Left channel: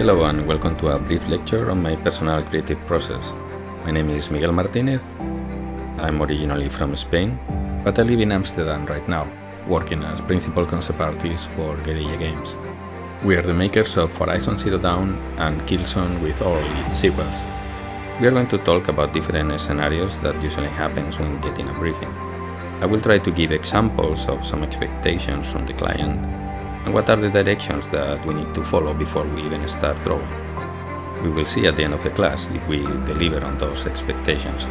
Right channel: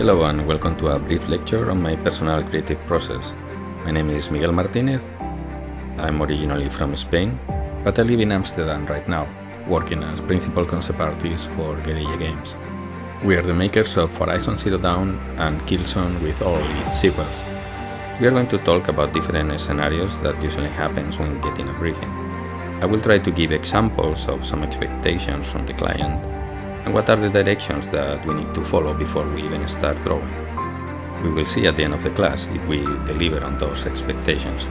Hello and welcome to a brief lecture on my personal creative process. My name is Miguel Martinez. I'm originally from Spain, but I live in Amsterdam right now, working as principal concept artist for Guerrilla Games. We are the makers of Horizon Zero Dawn and Killzone with all its sequels. We are going to talk about different scenarios that usually happens when getting a briefing. I will try to give examples of some expectations from the client and what are the directions that we need to follow before we even start drawing. We will see at the end of the class if we deliver on those expectations.